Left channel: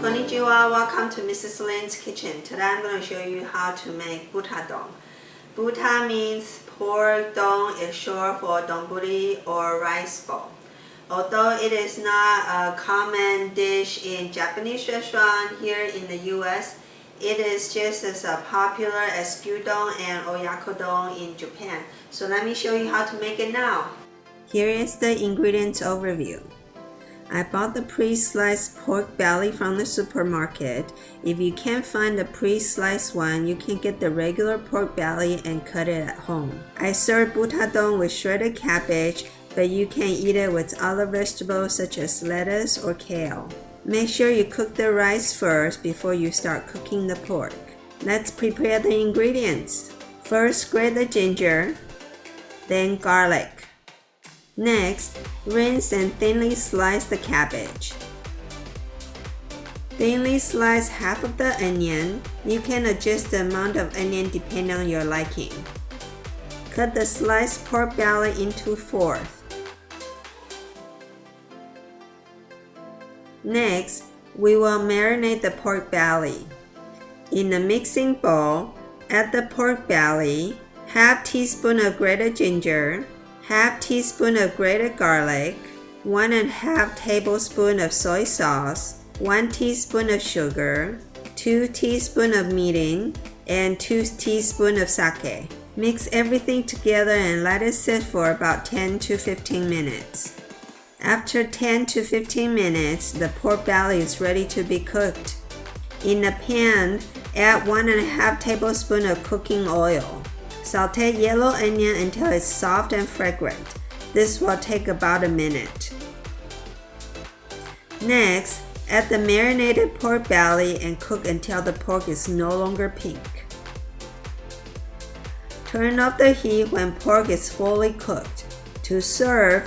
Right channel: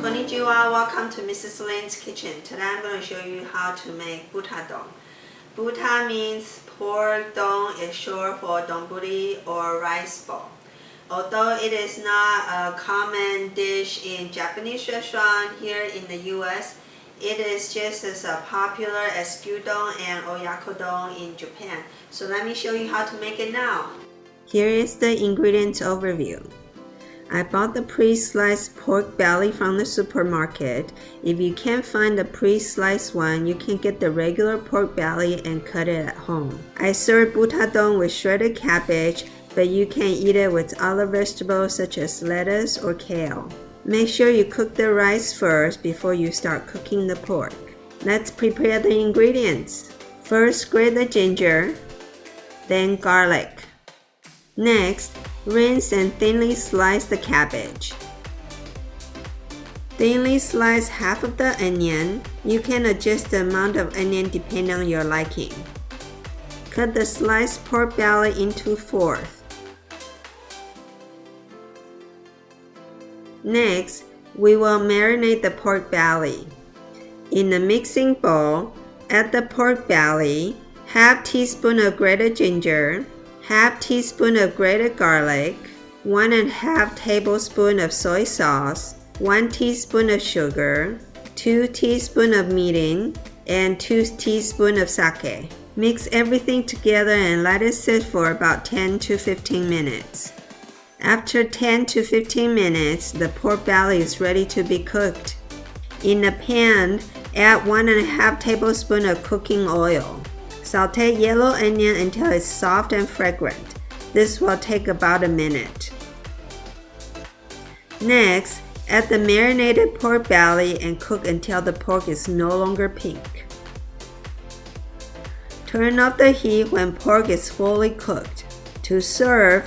Konnichiwa, welcome to Mrs. Lin's kitchen. Today I'm going to show you how to make butadong. Buta means pork, dong is short for donburi or rice bowl. Although it is not a common dish in Japanese restaurant here in the US, it is just as popular as gyudon and oyakodon in Japan. So let me show you how to make it now. Here is the ingredients overview. I bought the pre-sliced pork belly from the supermarket. If you can't find the pre-sliced one, you can get the regular pork belly and cut it at home. I serve butadong with shredded cabbage, but you can eat it with other vegetables such as lettuce or kale. Make sure you cook the rice first before you start cooking the pork. Let's prepare the ingredients. First, grate the ginger, then garlic. Next, rinse and thinly slice the cabbage. Thinly slice half of the onion. You can adjust the amount of onion depending on your liking. Cut the sliced pork belly into fourths. Next, we will marinate the pork belly. In a mixing bowl, add the pork belly, half teaspoon of grated ginger, half teaspoon of grated garlic, 1.5 tablespoon of soy sauce, 1 teaspoon of sugar, 2 teaspoons of mirin, and 2 teaspoons of sake. Mix everything together and let it sit for about 10 to 15 minutes. After 10 to 15 minutes, the pork belly is ready to be cooked. In a pan, add 1.5 tablespoons of cooking oil. Sauté yellow onion until it's soft and fragrant. This will take about a minute. Next, add the marinated pork belly and cook until the pork is no longer pink. Turn off the heat when pork is fully cooked. To serve,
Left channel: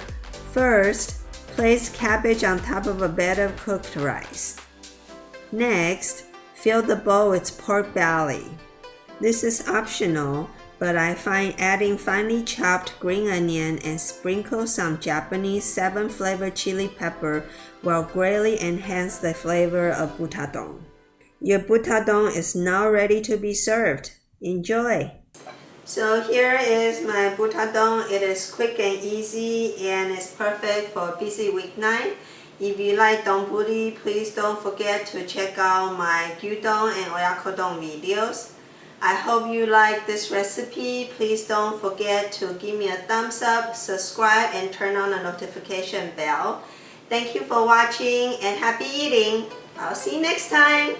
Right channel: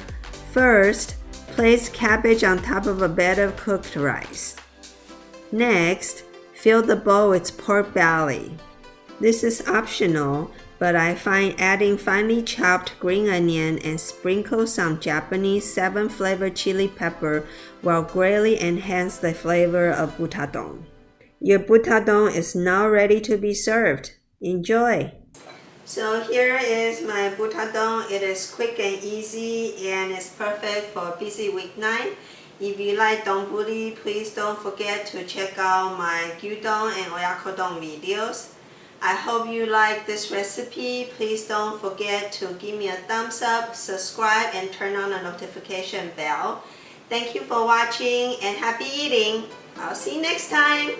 first, place cabbage on top of a bed of cooked rice. Next, fill the bowl with pork belly. This is optional, but I find adding finely chopped green onion and sprinkle some Japanese 7-flavor chili pepper will greatly enhance the flavor of butadong. Your butadong is now ready to be served. Enjoy! So here is my butadong. It is quick and easy and it's perfect for a busy weeknight. If you like donburi, please don't forget to check out my gyudon and oyakodon videos. I hope you like this recipe. Please don't forget to give me a thumbs up, subscribe, and turn on the notification bell. Thank you for watching and happy eating. I'll see you next time.